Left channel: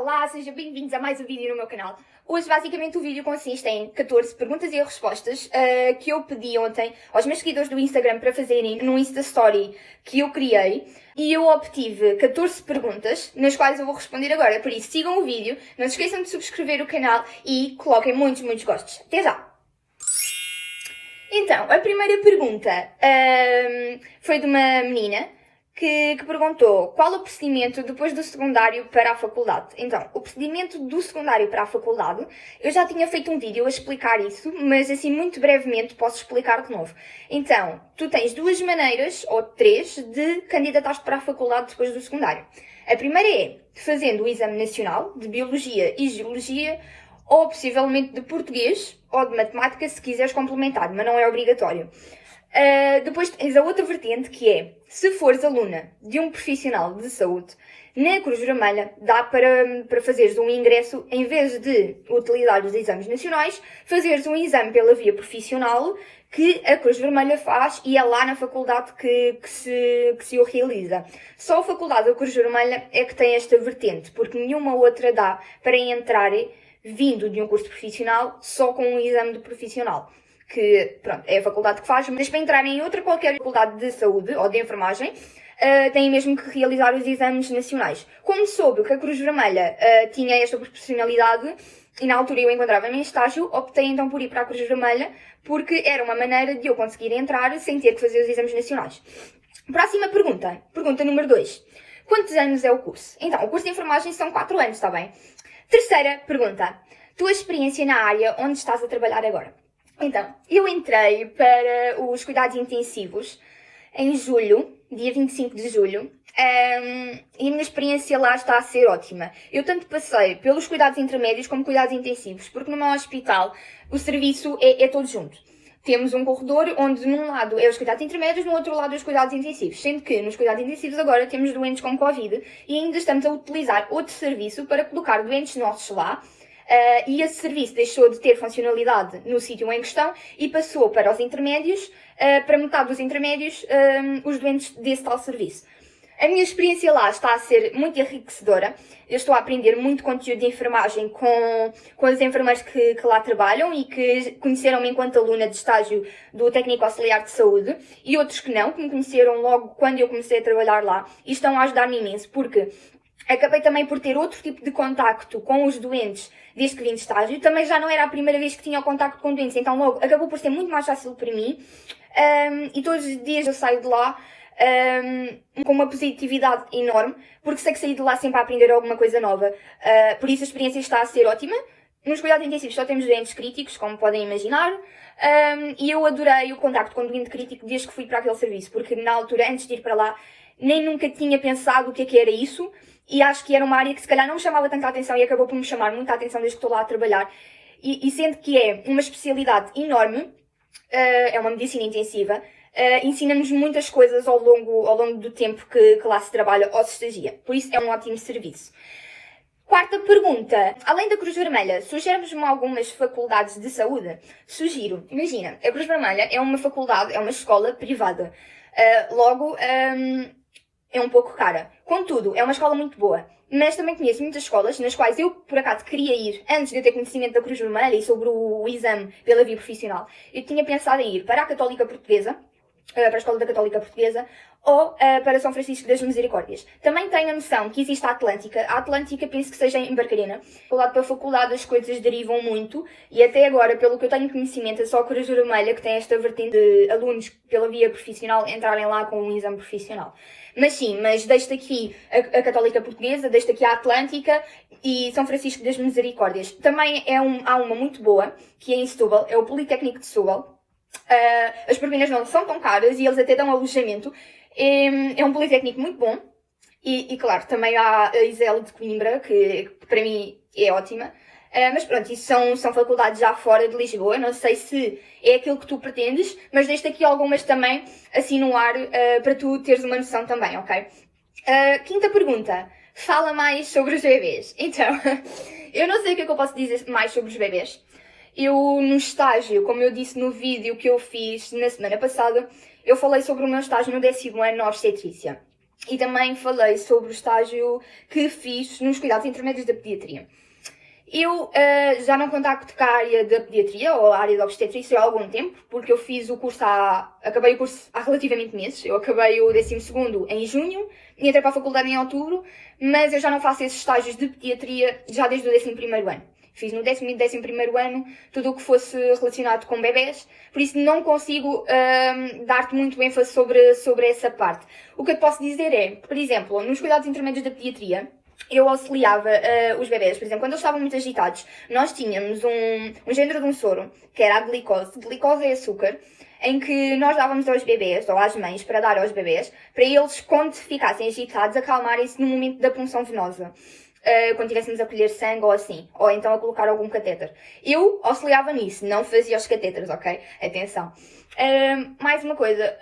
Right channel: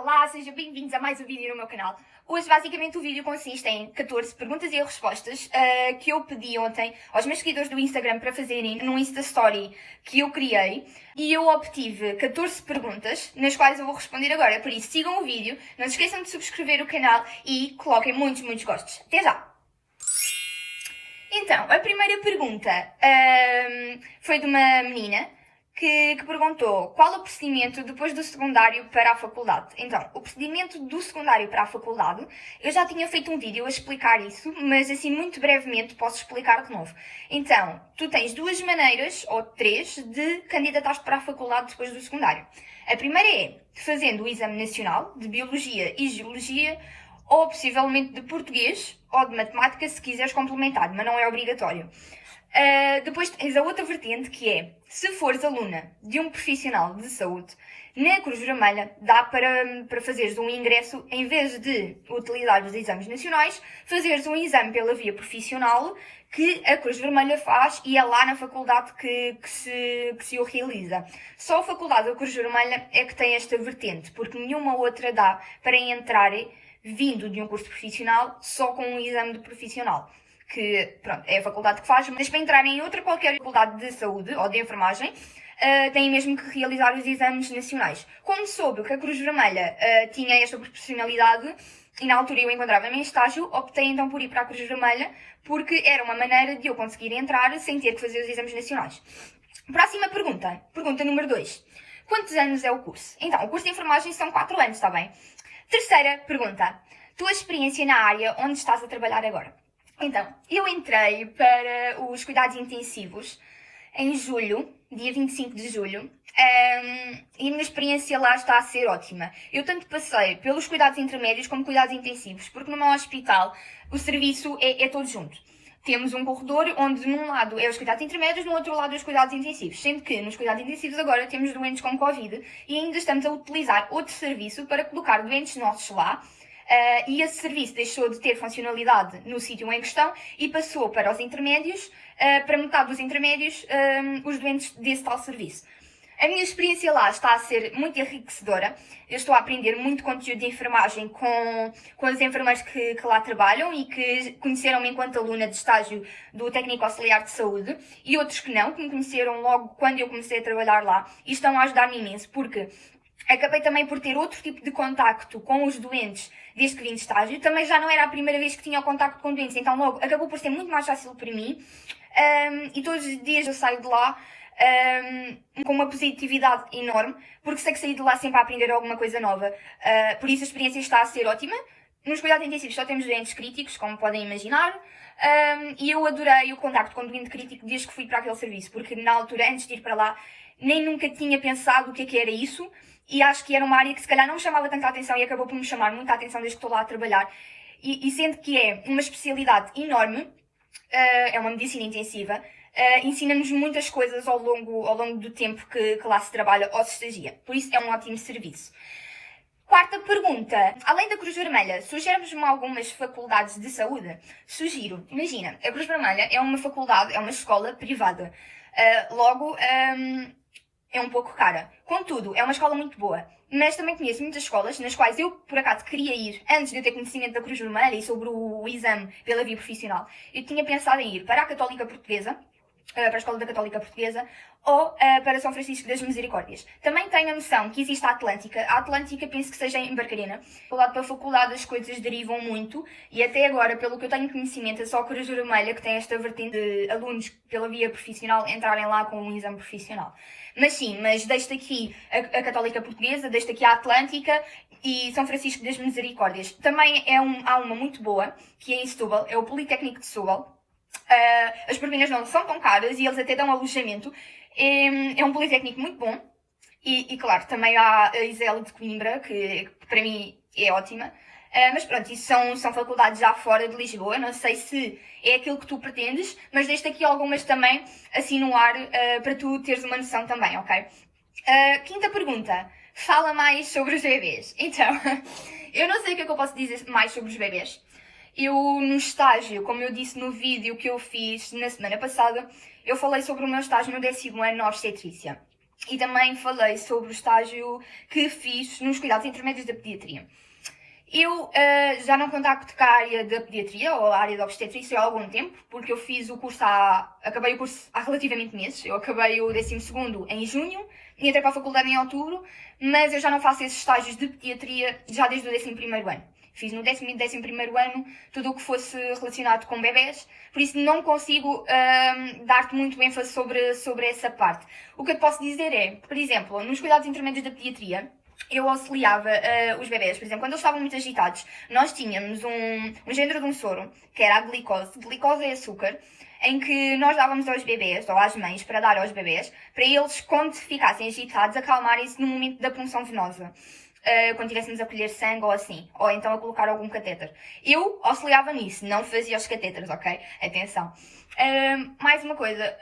Olá, sejam bem-vindos a mais um vídeo no meu canal. Hoje, basicamente, o vídeo consiste em 14 perguntas e respostas que eu pedi ontem aos meus seguidores do Instagram para fazerem num Insta Story que eu criei. E eu obtive 14 perguntas, nas quais eu vou responder agora. Por isso, sigam o vídeo, não se esqueçam de subscrever o canal e coloquem muitos gostos. Até já! Então, a primeira pergunta foi de uma menina que perguntou qual o procedimento depois do secundário para a faculdade. Então, o procedimento do secundário para a faculdade, eu já tinha feito um vídeo a explicar isso, mas assim muito brevemente posso explicar de novo. Então, tu tens duas maneiras, ou três, de candidatar-te para a faculdade depois do secundário. A primeira é fazendo o exame nacional de Biologia e Geologia, ou possivelmente de Português, ou de Matemática, se quiseres complementar, mas não é obrigatório. Depois tens a outra vertente, que é, se fores aluna de um profissional de saúde, na Cruz Vermelha dá para fazeres um ingresso, em vez de utilizar os exames nacionais, fazeres um exame pela via profissional que a Cruz Vermelha faz e é lá na faculdade que se o realiza. Só a faculdade da Cruz Vermelha é que tem esta vertente, porque nenhuma outra dá para entrar vindo de um curso profissional só com um exame de profissional. Que, pronto, é a faculdade que faz, mas para entrar em outra qualquer faculdade de saúde ou de enfermagem, têm mesmo que realizar os exames nacionais. Como soube que a Cruz Vermelha tinha esta proporcionalidade, e na altura eu encontrava-me em estágio, optei então por ir para a Cruz Vermelha, porque era uma maneira de eu conseguir entrar sem ter que fazer os exames nacionais. Próxima pergunta. Pergunta número 2. Quantos anos é o curso? Então, o curso de enfermagem são 4 anos, está bem? Terceira pergunta. Tua experiência na área onde estás a trabalhar agora? Então, eu entrei para os cuidados intensivos em julho, dia 25 de julho, e a minha experiência lá está a ser ótima. Eu tanto passei pelos cuidados intermédios como cuidados intensivos, porque no meu hospital o serviço é todo junto. Temos um corredor onde num lado é os cuidados intermédios, no outro lado é os cuidados intensivos. Sendo que nos cuidados intensivos agora temos doentes com Covid e ainda estamos a utilizar outro serviço para colocar doentes nossos lá. E esse serviço deixou de ter funcionalidade no sítio em questão e passou para os intermédios, para metade dos intermédios, os doentes desse tal serviço. A minha experiência lá está a ser muito enriquecedora. Eu estou a aprender muito conteúdo de enfermagem com as enfermeiras que lá trabalham e que conheceram-me enquanto aluna de estágio do Técnico Auxiliar de Saúde e outros que não, que me conheceram logo quando eu comecei a trabalhar lá e estão a ajudar-me imenso, porque acabei também por ter outro tipo de contacto com os doentes desde que vim de estágio. Também já não era a primeira vez que tinha o contacto com doentes, então logo acabou por ser muito mais fácil para mim. E todos os dias eu saio de lá com uma positividade enorme, porque sei que saí de lá sempre a aprender alguma coisa nova. Por isso a experiência está a ser ótima. Nos cuidados intensivos só temos doentes críticos, como podem imaginar. E eu adorei o contacto com o doente crítico desde que fui para aquele serviço, porque na altura, antes de ir para lá, nem nunca tinha pensado o que era isso. E acho que era uma área que se calhar não me chamava tanta atenção e acabou por me chamar muita atenção desde que estou lá a trabalhar. E sendo que é uma especialidade enorme, é uma medicina intensiva, ensina-nos muitas coisas ao longo do tempo que lá se trabalha ou se estagia. Por isso é um ótimo serviço. Quarta pergunta. Além da Cruz Vermelha, sugeres-me algumas faculdades de saúde? Sugiro. Imagina, a Cruz Vermelha é uma faculdade, é uma escola privada. Logo, é um pouco cara. Contudo, é uma escola muito boa. Mas também conheço muitas escolas nas quais eu, por acaso, queria ir antes de eu ter conhecimento da Cruz Vermelha e sobre o exame pela via profissional. Eu tinha pensado em ir para a Católica Portuguesa, para a Escola da Católica Portuguesa, ou para São Francisco das Misericórdias. Também tenho a noção que existe a Atlântica. A Atlântica penso que seja em Barcarena. Faculdade para faculdade as coisas derivam muito e até agora, pelo que eu tenho conhecimento, é só a Cruz Vermelha que tem esta vertente de alunos pela via profissional entrarem lá com um exame profissional. Mas sim, mas deixo aqui a Católica Portuguesa, deixo aqui a Atlântica e São Francisco das Misericórdias. Também há uma muito boa, que é em Setúbal, é o Politécnico de Setúbal. As propinas não são tão caras e eles até dão alojamento. É um politécnico muito bom. E claro, também há a ISEL de Coimbra, que para mim é ótima. Mas pronto, isso são faculdades já fora de Lisboa. Não sei se é aquilo que tu pretendes, mas deixo aqui algumas também assim no ar para tu teres uma noção também, ok? Quinta pergunta. Fala mais sobre os bebês. Então, eu não sei o que é que eu posso dizer mais sobre os bebês. Eu, no estágio, como eu disse no vídeo que eu fiz na semana passada, eu falei sobre o meu estágio no 10º ano na obstetrícia. e também falei sobre o estágio que fiz nos cuidados intermédios da pediatria. Eu já não contacto com a área da pediatria ou a área da obstetrícia há algum tempo, porque eu fiz o curso acabei o curso há relativamente meses. Eu acabei o 12º em junho e entrei para a faculdade em outubro, mas eu já não faço esses estágios de pediatria já desde o 11º ano. Fiz no 10º e 11º ano tudo o que fosse relacionado com bebés, por isso não consigo dar-te muito ênfase sobre essa parte. O que eu te posso dizer é, por exemplo, nos cuidados intermédios da pediatria, eu auxiliava os bebés, por exemplo, quando eles estavam muito agitados, nós tínhamos um género de um soro, que era a glicose. Glicose é açúcar, em que nós dávamos aos bebés, ou às mães, para dar aos bebés, para eles, quando ficassem agitados, acalmarem-se no momento da punção venosa. Quando estivéssemos a colher sangue ou assim, ou então a colocar algum catéter. Eu auxiliava nisso, não fazia os catéteres, ok? Atenção. Mais uma coisa,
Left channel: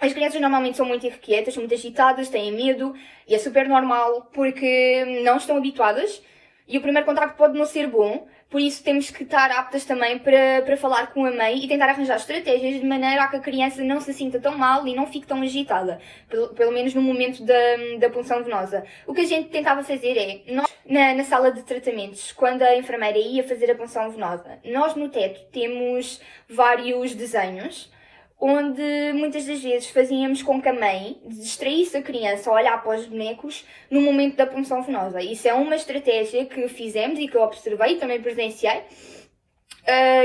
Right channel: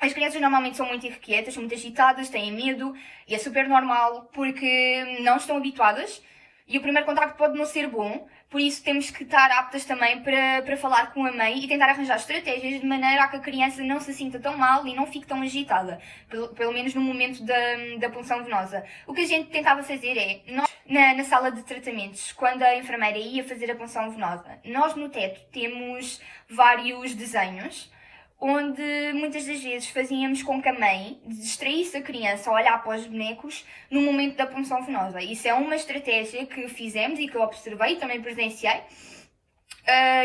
as crianças normalmente são muito irrequietas, são muito agitadas, têm medo, e é super normal porque não estão habituadas e o primeiro contacto pode não ser bom, por isso temos que estar aptas também para falar com a mãe e tentar arranjar estratégias de maneira a que a criança não se sinta tão mal e não fique tão agitada, pelo menos no momento da punção venosa. O que a gente tentava fazer é, nós, na sala de tratamentos, quando a enfermeira ia fazer a punção venosa, nós no teto temos vários desenhos, onde muitas das vezes fazíamos com que a mãe distraísse a criança a olhar para os bonecos no momento da punção venosa. Isso é uma estratégia que fizemos e que eu observei, também presenciei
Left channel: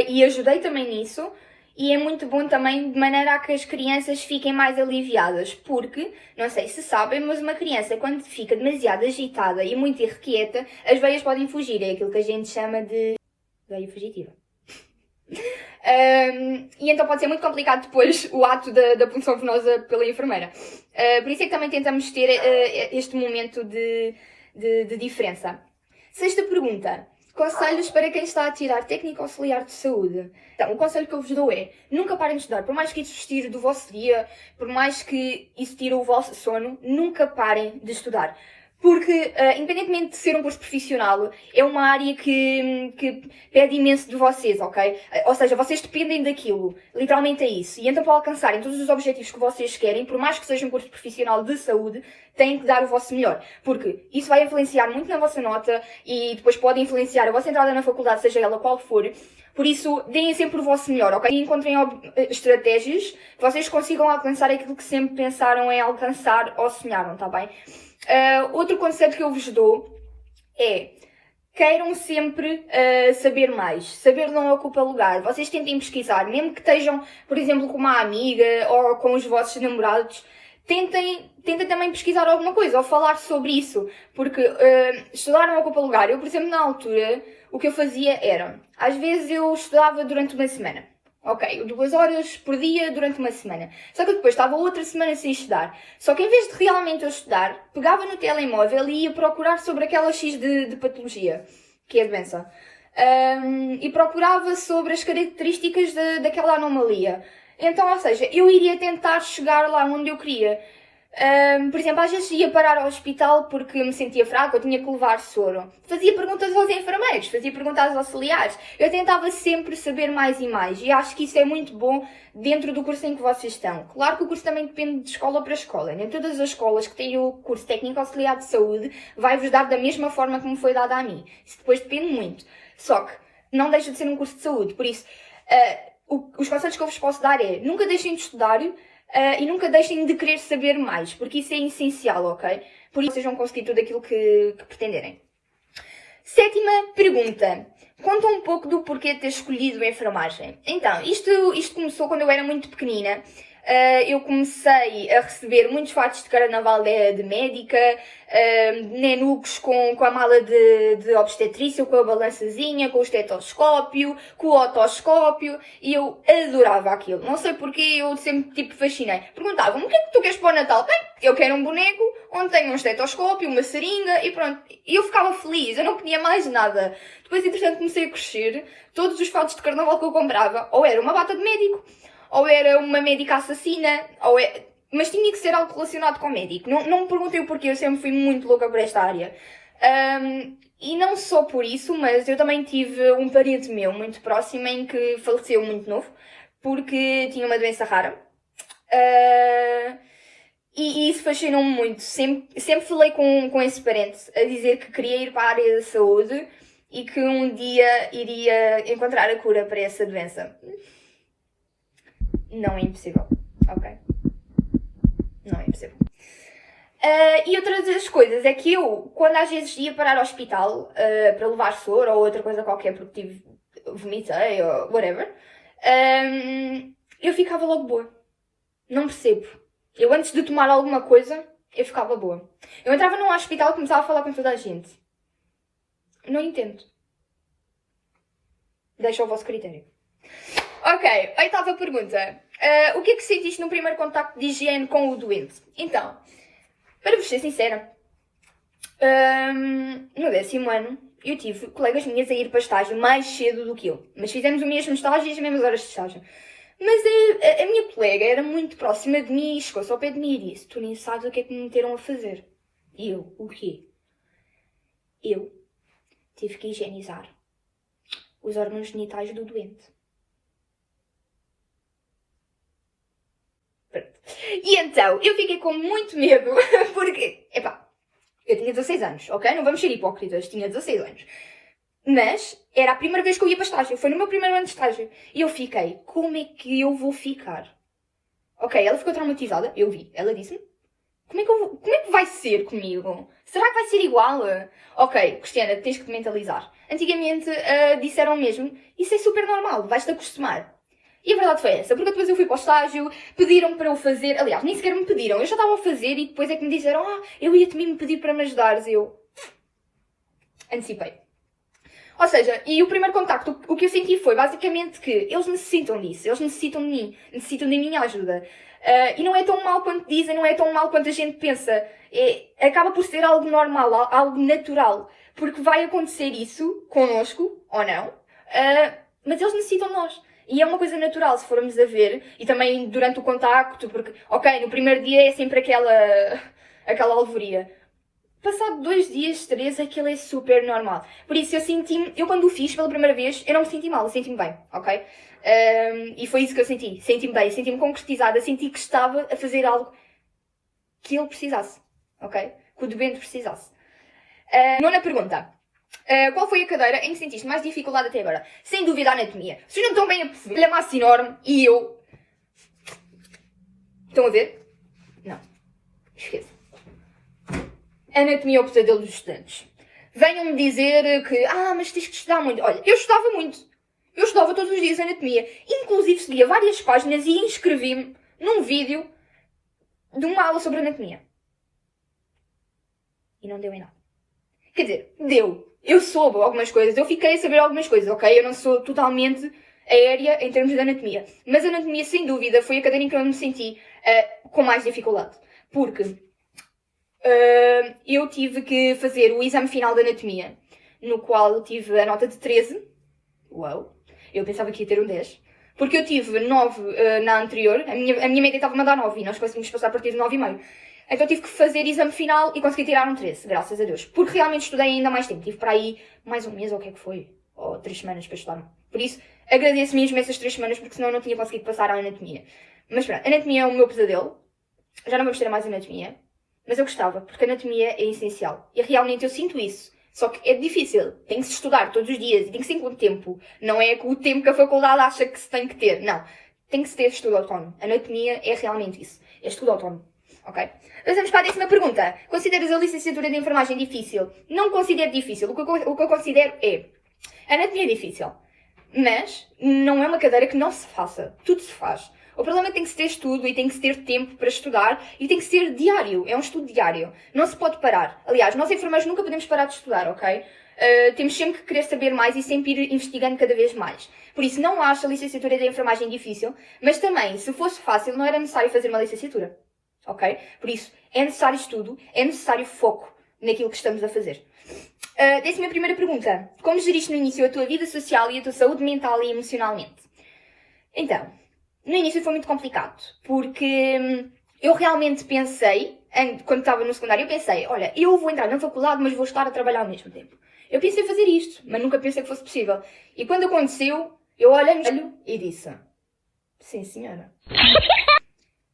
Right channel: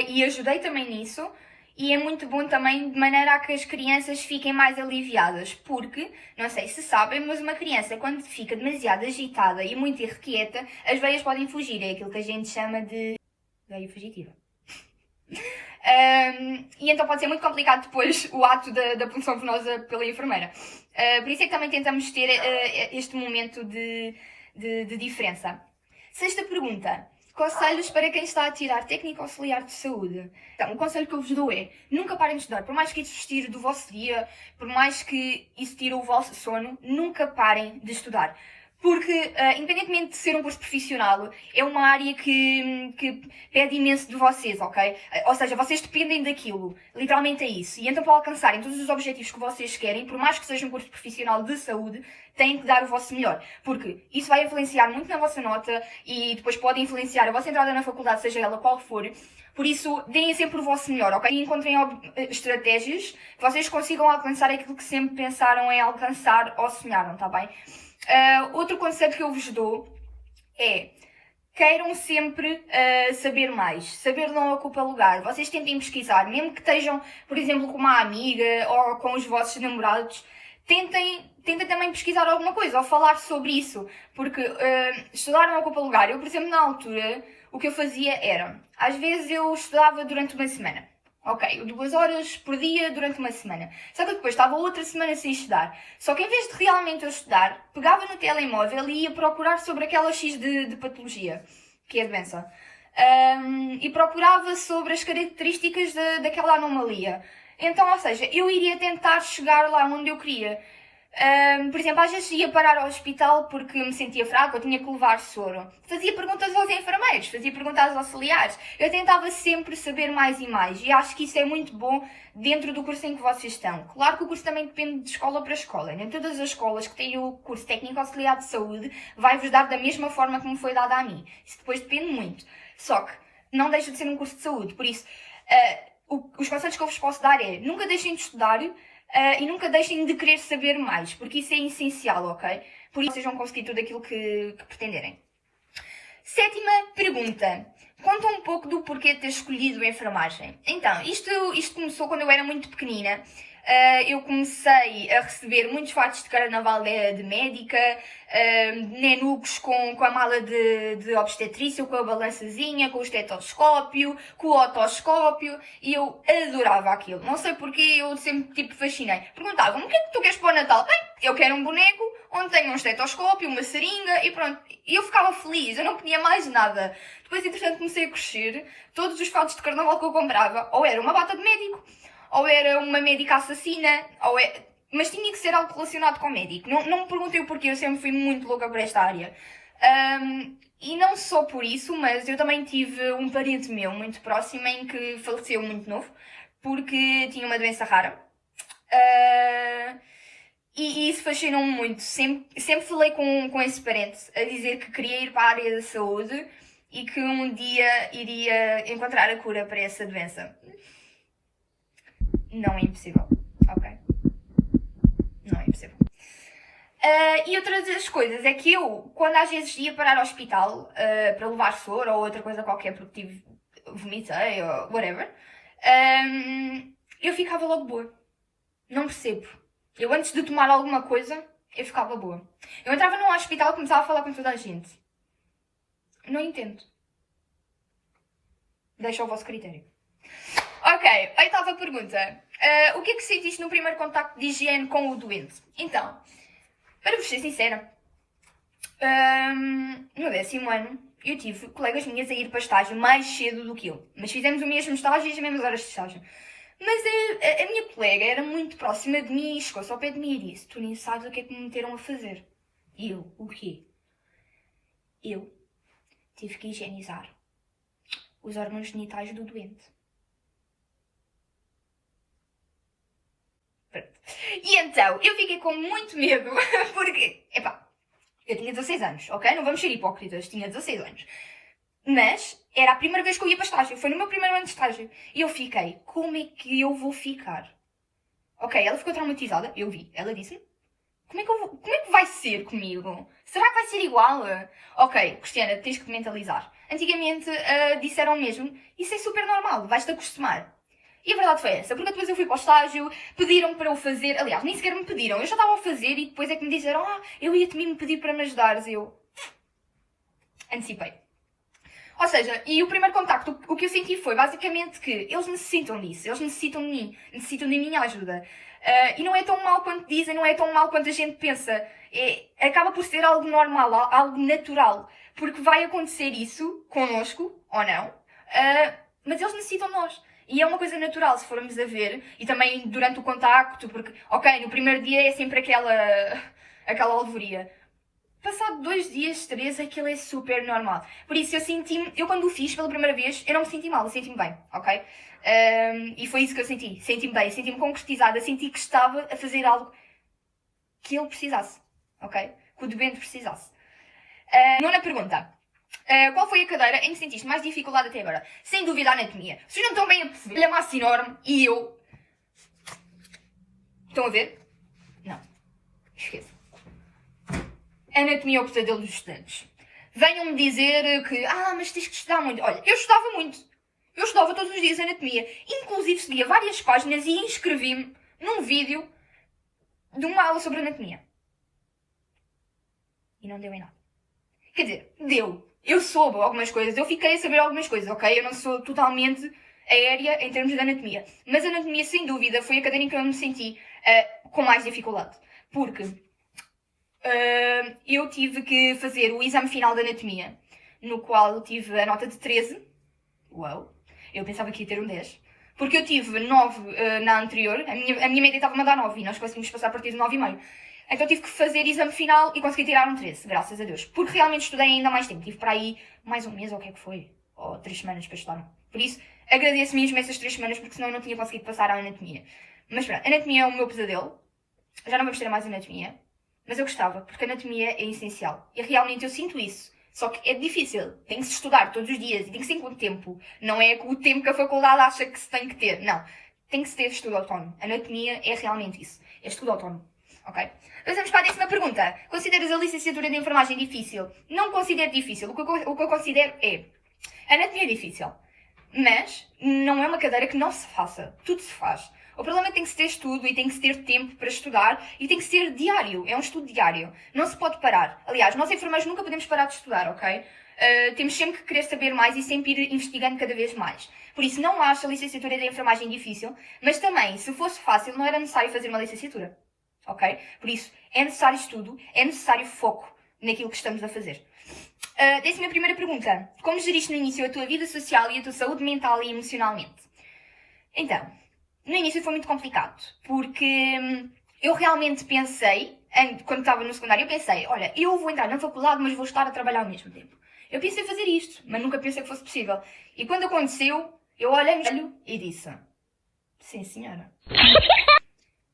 e ajudei também nisso. E é muito bom também de maneira a que as crianças fiquem mais aliviadas, porque, não sei se sabem, mas uma criança quando fica demasiado agitada e muito irrequieta, as veias podem fugir, é aquilo que a gente chama de veia fugitiva. E então pode ser muito complicado depois o ato da punção venosa pela enfermeira. Por isso é que também tentamos ter este momento de diferença. Sexta pergunta. Conselhos para quem está a tirar técnico auxiliar de saúde. Então, o conselho que eu vos dou é, nunca parem de estudar. Por mais que isso tire do vosso dia, por mais que isso tire o vosso sono, nunca parem de estudar. Porque, independentemente de ser um curso profissional, é uma área que pede imenso de vocês, ok? Ou seja, vocês dependem daquilo. Literalmente é isso. E então, para alcançarem todos os objetivos que vocês querem, por mais que seja um curso profissional de saúde, têm que dar o vosso melhor. Porque isso vai influenciar muito na vossa nota e depois pode influenciar a vossa entrada na faculdade, seja ela qual for. Por isso, deem sempre o vosso melhor, ok? E encontrem estratégias que vocês consigam alcançar aquilo que sempre pensaram em alcançar ou sonharam, tá bem? Outro conselho que eu vos dou é, queiram sempre saber mais. Saber não ocupa lugar. Vocês tentem pesquisar, mesmo que estejam, por exemplo, com uma amiga ou com os vossos namorados, tentem também pesquisar alguma coisa ou falar sobre isso, porque estudar não ocupa lugar. Eu, por exemplo, na altura, o que eu fazia era, às vezes eu estudava durante uma semana. Ok, 2 horas por dia durante uma semana. Só que depois estava outra semana sem estudar. Só que em vez de realmente eu estudar, pegava no telemóvel e ia procurar sobre aquela X de patologia, que é a doença. E procurava sobre as características daquela anomalia. Então, ou seja, eu iria tentar chegar lá onde eu queria. Por exemplo, às vezes ia parar ao hospital porque me sentia fraca ou tinha que levar soro. Fazia perguntas aos enfermeiros, fazia perguntas aos auxiliares. Eu tentava sempre saber mais e mais e acho que isso é muito bom dentro do curso em que vocês estão. Claro que o curso também depende de escola para escola. Nem todas as escolas que têm o curso técnico auxiliar de saúde vai-vos dar da mesma forma como foi dada a mim. Isso depois depende muito. Só que não deixa de ser um curso de saúde. Por isso, os conselhos que eu vos posso dar é nunca deixem de estudar e nunca deixem de querer saber mais, porque isso é essencial, ok? Por isso vocês vão conseguir tudo aquilo que pretenderem. Sétima pergunta. Conta um pouco do porquê de ter escolhido a enfermagem. Então, isto começou quando eu era muito pequenina. Eu comecei a receber muitos fatos de carnaval de médica, nenucos com a mala de obstetrícia, com a balançazinha, com o estetoscópio, com o otoscópio, e eu adorava aquilo. Não sei porquê, eu sempre fascinei. Perguntavam-me, o que é que tu queres para o Natal? Bem, eu quero um boneco onde tenha um estetoscópio, uma seringa e pronto. E eu ficava feliz, eu não pedia mais nada. Depois, entretanto, comecei a crescer. Todos os fatos de carnaval que eu comprava, ou era uma bata de médico, ou era uma médica assassina, mas tinha que ser algo relacionado com o médico. Não me perguntei o porquê, eu sempre fui muito louca por esta área. E não só por isso, mas eu também tive um parente meu muito próximo em que faleceu muito novo, porque tinha uma doença rara. E isso fascinou-me muito. Sempre falei com esse parente a dizer que queria ir para a área da saúde e que um dia iria encontrar a cura para essa doença. Não é impossível, ok? Não é impossível. E outra das coisas é que eu, quando às vezes ia parar ao hospital para levar soro ou outra coisa qualquer porque vomitei ou whatever, eu ficava logo boa. Não percebo. Eu antes de tomar alguma coisa, eu ficava boa. Eu entrava num hospital e começava a falar com toda a gente. Não entendo. Deixa ao vosso critério. Ok, oitava pergunta. O que é que sentiste no primeiro contacto de higiene com o doente? Então, para vos ser sincera, no 10º ano eu tive colegas minhas a ir para estágio mais cedo do que eu. Mas fizemos o mesmo estágio e as mesmas horas de estágio. Mas a minha colega era muito próxima de mim e chegou-se ao pé de mim e disse: tu nem sabes o que é que me meteram a fazer. E eu: o quê? Eu tive que higienizar os órgãos genitais do doente. E então, eu fiquei com muito medo, porque, eu tinha 16 anos, ok? Não vamos ser hipócritas, tinha 16 anos. Mas era a primeira vez que eu ia para estágio, foi no meu primeiro ano de estágio. E eu fiquei: como é que eu vou ficar? Ok, ela ficou traumatizada, eu vi, ela disse-me: como é que vai ser comigo? Será que vai ser igual? Ok, Cristiana, tens que mentalizar. Antigamente disseram mesmo: isso é super normal, vais-te acostumar. E a verdade foi essa, porque depois eu fui para o estágio, pediram para eu fazer, aliás, nem sequer me pediram, eu já estava a fazer e depois é que me disseram: eu ia-te mesmo pedir para me ajudares. Eu antecipei. Ou seja, e o primeiro contacto, o que eu senti foi basicamente que eles necessitam disso, eles necessitam de mim, necessitam da minha ajuda. E não é tão mal quanto dizem, não é tão mal quanto a gente pensa. Acaba por ser algo normal, algo natural, porque vai acontecer isso connosco, ou não, mas eles necessitam de nós. E é uma coisa natural, se formos a ver, e também durante o contacto, porque, ok, no primeiro dia é sempre aquela alvoria. Passado 2 dias, 3, aquilo é super normal. Por isso eu quando o fiz pela primeira vez, eu não me senti mal, eu senti-me bem, ok? E foi isso que eu senti. Senti-me bem, senti-me concretizada, senti que estava a fazer algo que ele precisasse, ok? Que o doente precisasse. Nona pergunta. Qual foi a cadeira em que sentiste mais dificuldade até agora? Sem dúvida a anatomia. Vocês não estão bem a perceber. Ele é massa enorme e eu... Estão a ver? Não. Esqueça. Anatomia é o pesadelo dos estudantes. Venham-me dizer que, mas tens que estudar muito. Olha, eu estudava muito. Eu estudava todos os dias anatomia. Inclusive seguia várias páginas e inscrevi-me num vídeo de uma aula sobre anatomia. E não deu em nada. Quer dizer, deu. Eu soube algumas coisas. Eu fiquei a saber algumas coisas, ok? Eu não sou totalmente aérea em termos de anatomia. Mas a anatomia, sem dúvida, foi a cadeira em que eu me senti com mais dificuldade. Porque... eu tive que fazer o exame final de anatomia, no qual eu tive a nota de 13. Uau! Eu pensava que ia ter um 10. Porque eu tive 9 na anterior, a minha média estava-me a dar 9 e nós conseguimos passar a partir de 9,5. Então tive que fazer exame final e consegui tirar um 13, graças a Deus. Porque realmente estudei ainda mais tempo. Tive para aí mais um mês ou o que é que foi. Ou 3 semanas para estudar. Por isso, agradeço mesmo essas 3 semanas, porque senão eu não tinha conseguido passar a anatomia. Mas pronto, anatomia é o meu pesadelo. Já não vamos ter mais anatomia. Mas eu gostava, porque a anatomia é essencial. E realmente eu sinto isso. Só que é difícil. Tem que se estudar todos os dias. E tem que ser com o tempo. Não é com o tempo que a faculdade acha que se tem que ter. Não. Tem que se ter estudo autónomo. A anatomia é realmente isso. É estudo autónomo. Ok? Passamos para a 10ª pergunta. Consideras a licenciatura de enfermagem difícil? Não considero difícil. O que eu considero é... A anatomia é difícil. Mas não é uma cadeira que não se faça. Tudo se faz. O problema é que tem que se ter estudo e tem que se ter tempo para estudar e tem que ser diário. É um estudo diário. Não se pode parar. Aliás, nós enfermeiros nunca podemos parar de estudar, ok? Temos sempre que querer saber mais e sempre ir investigando cada vez mais. Por isso, não acho a licenciatura de enfermagem difícil, mas também, se fosse fácil, não era necessário fazer uma licenciatura, ok? Por isso, é necessário estudo, é necessário foco naquilo que estamos a fazer. 11ª pergunta. Como geriste no início a tua vida social e a tua saúde mental e emocionalmente? Então... No início foi muito complicado, porque eu realmente pensei, quando estava no secundário, eu pensei, olha, eu vou entrar na faculdade, mas vou estar a trabalhar ao mesmo tempo. Eu pensei em fazer isto, mas nunca pensei que fosse possível. E quando aconteceu, eu olhei no espelho e disse, sim senhora.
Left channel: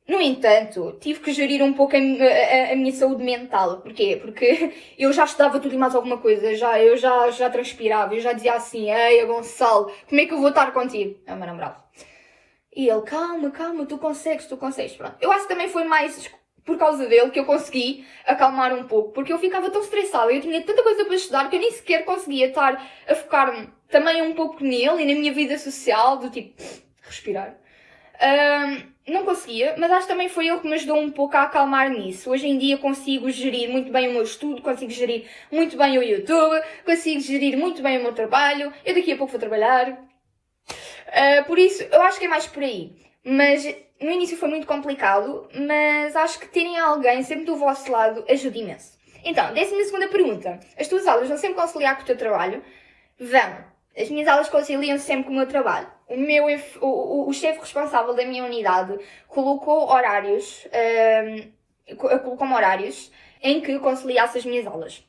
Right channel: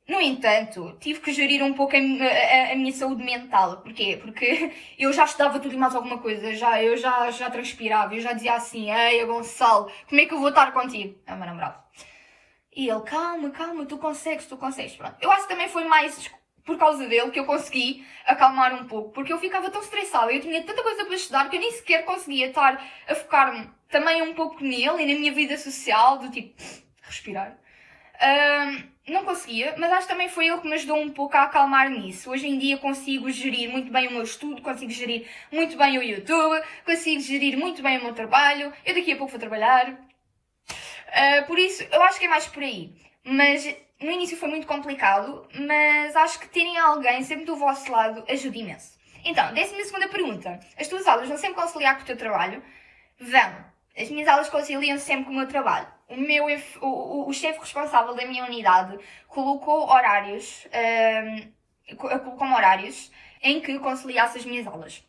No entanto, tive que gerir um pouco a minha saúde mental. Porquê? Porque eu já estudava tudo e mais alguma coisa, eu já transpirava, eu já dizia assim: ei, Gonçalo, como é que eu vou estar contigo? É o meu namorado. E ele: calma, calma, tu consegues. Pronto. Eu acho que também foi mais por causa dele que eu consegui acalmar um pouco, porque eu ficava tão estressada, eu tinha tanta coisa para estudar que eu nem sequer conseguia estar a focar-me também um pouco nele e na minha vida social, do tipo, respirar. Não conseguia, mas acho que também foi ele que me ajudou um pouco a acalmar nisso. Hoje em dia consigo gerir muito bem o meu estudo, consigo gerir muito bem o YouTube, consigo gerir muito bem o meu trabalho. Eu daqui a pouco vou trabalhar. Por isso, eu acho que é mais por aí. Mas no início foi muito complicado, mas acho que terem alguém sempre do vosso lado ajuda imenso. Então, 12ª pergunta. As tuas aulas vão sempre conciliar com o teu trabalho? Vão. As minhas aulas conciliam sempre com o meu trabalho. O chefe responsável da minha unidade colocou horários, colocou-me horários em que conciliasse as minhas aulas.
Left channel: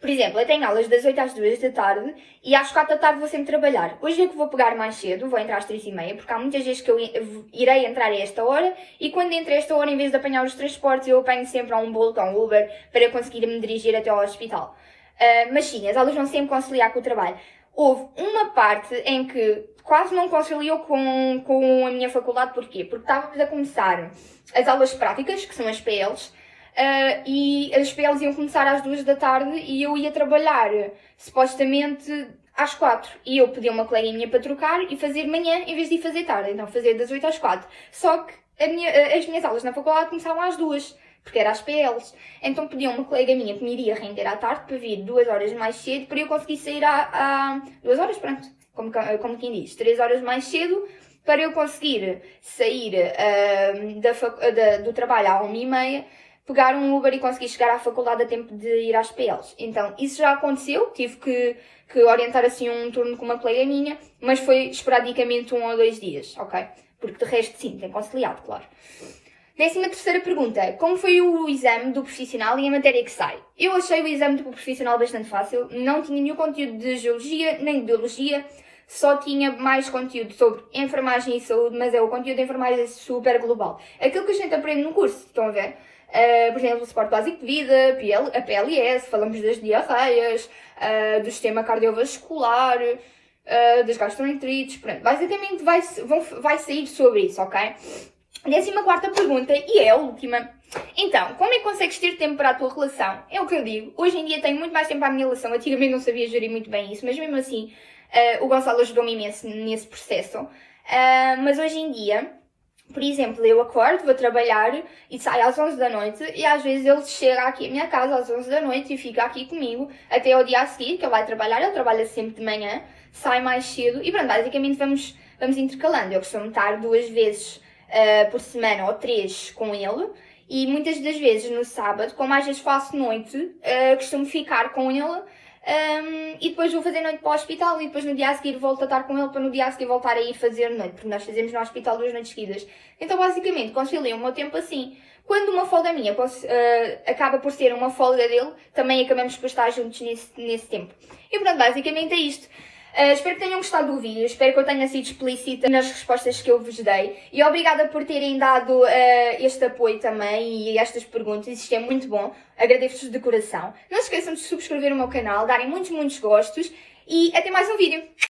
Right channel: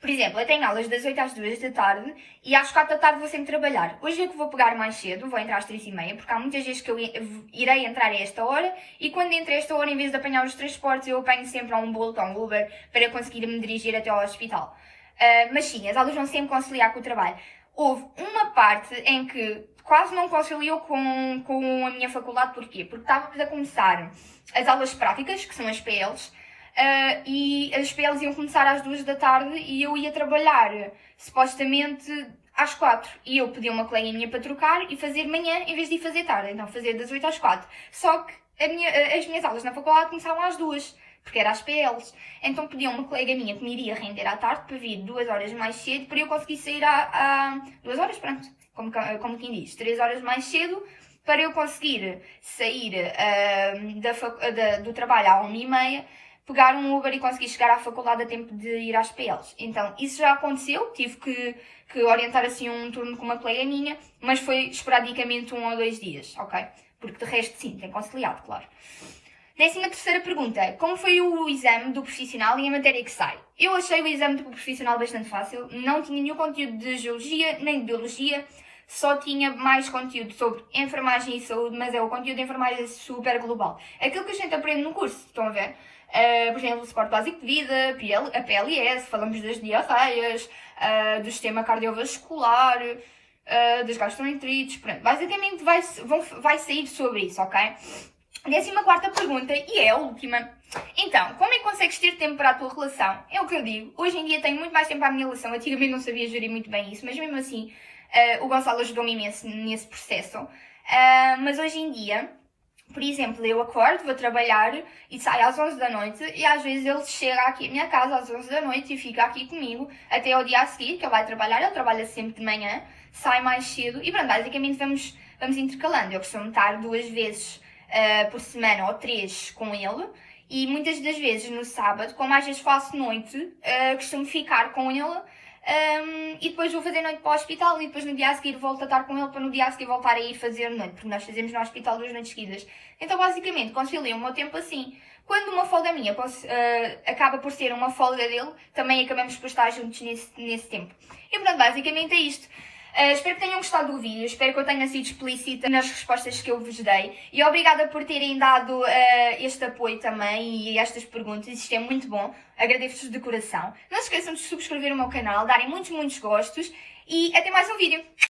Por exemplo, eu tenho aulas das 8 às 2 da tarde e às 4 da tarde vou sempre trabalhar. Hoje é que vou pegar mais cedo, vou entrar às 3h30, porque há muitas vezes que eu irei entrar a esta hora e quando entro a esta hora, em vez de apanhar os transportes, eu apanho sempre a um Bolt ou um Uber para conseguir me dirigir até ao hospital. Mas sim, as aulas vão sempre conciliar com o trabalho. Houve uma parte em que quase não conciliou com a minha faculdade. Porquê? Porque estávamos a começar as aulas práticas, que são as PLs, e as PLs iam começar às 2 da tarde e eu ia trabalhar, supostamente, às 4. E eu pedi a uma colega minha para trocar e fazer manhã em vez de ir fazer tarde. Então, fazer das 8 às 4. Só que as minhas aulas na faculdade começavam às 2. Porque era às PLs. Então pediam uma colega minha que me iria render à tarde para vir 2 horas mais cedo para eu conseguir sair 2 horas, pronto, como quem diz, 3 horas mais cedo para eu conseguir sair do trabalho à 1h30, pegar um Uber e conseguir chegar à faculdade a tempo de ir às PLs. Então isso já aconteceu, tive que orientar assim um turno com uma colega minha, mas foi esporadicamente 1 ou 2 dias, ok? Porque de resto sim, tem conciliado, claro. 13ª pergunta. Como foi o exame do profissional e a matéria que sai? Eu achei o exame do profissional bastante fácil. Não tinha nenhum conteúdo de geologia nem de biologia. Só tinha mais conteúdo sobre enfermagem e saúde, mas é o conteúdo de enfermagem super global. Aquilo que a gente aprende no curso, estão a ver? Por exemplo, o suporte básico de vida, a PLS, falamos das diarreias, do sistema cardiovascular, das gastroenterites, pronto. Basicamente vai sair sobre isso, ok? 14ª pergunta, e é a última. Então, como é que consegues ter tempo para a tua relação? É o que eu digo. Hoje em dia tenho muito mais tempo para a minha relação. Antigamente não sabia gerir muito bem isso, mas mesmo assim o Gonçalo ajudou-me imenso nesse processo. Mas hoje em dia, por exemplo, eu acordo, vou trabalhar e saio às 11 da noite e às vezes ele chega aqui à minha casa às 11 da noite e fica aqui comigo até ao dia a seguir, que ele vai trabalhar. Ele trabalha sempre de manhã, sai mais cedo e pronto, basicamente vamos intercalando. Eu costumo estar 2 vezes por semana ou 3 com ele e muitas das vezes no sábado, como às vezes faço noite, costumo ficar com ele e depois vou fazer noite para o hospital e depois no dia a seguir volto a estar com ele para no dia a seguir voltar a ir fazer noite, porque nós fazemos no hospital 2 noites seguidas. Então basicamente concilio o meu tempo assim. Quando uma folga minha acaba por ser uma folga dele, também acabamos por estar juntos nesse tempo. E pronto, basicamente é isto. Espero que tenham gostado do vídeo, espero que eu tenha sido explícita nas respostas que eu vos dei e obrigada por terem dado este apoio também e estas perguntas, isto é muito bom, agradeço-vos de coração. Não se esqueçam de subscrever o meu canal, darem muitos gostos e até mais um vídeo.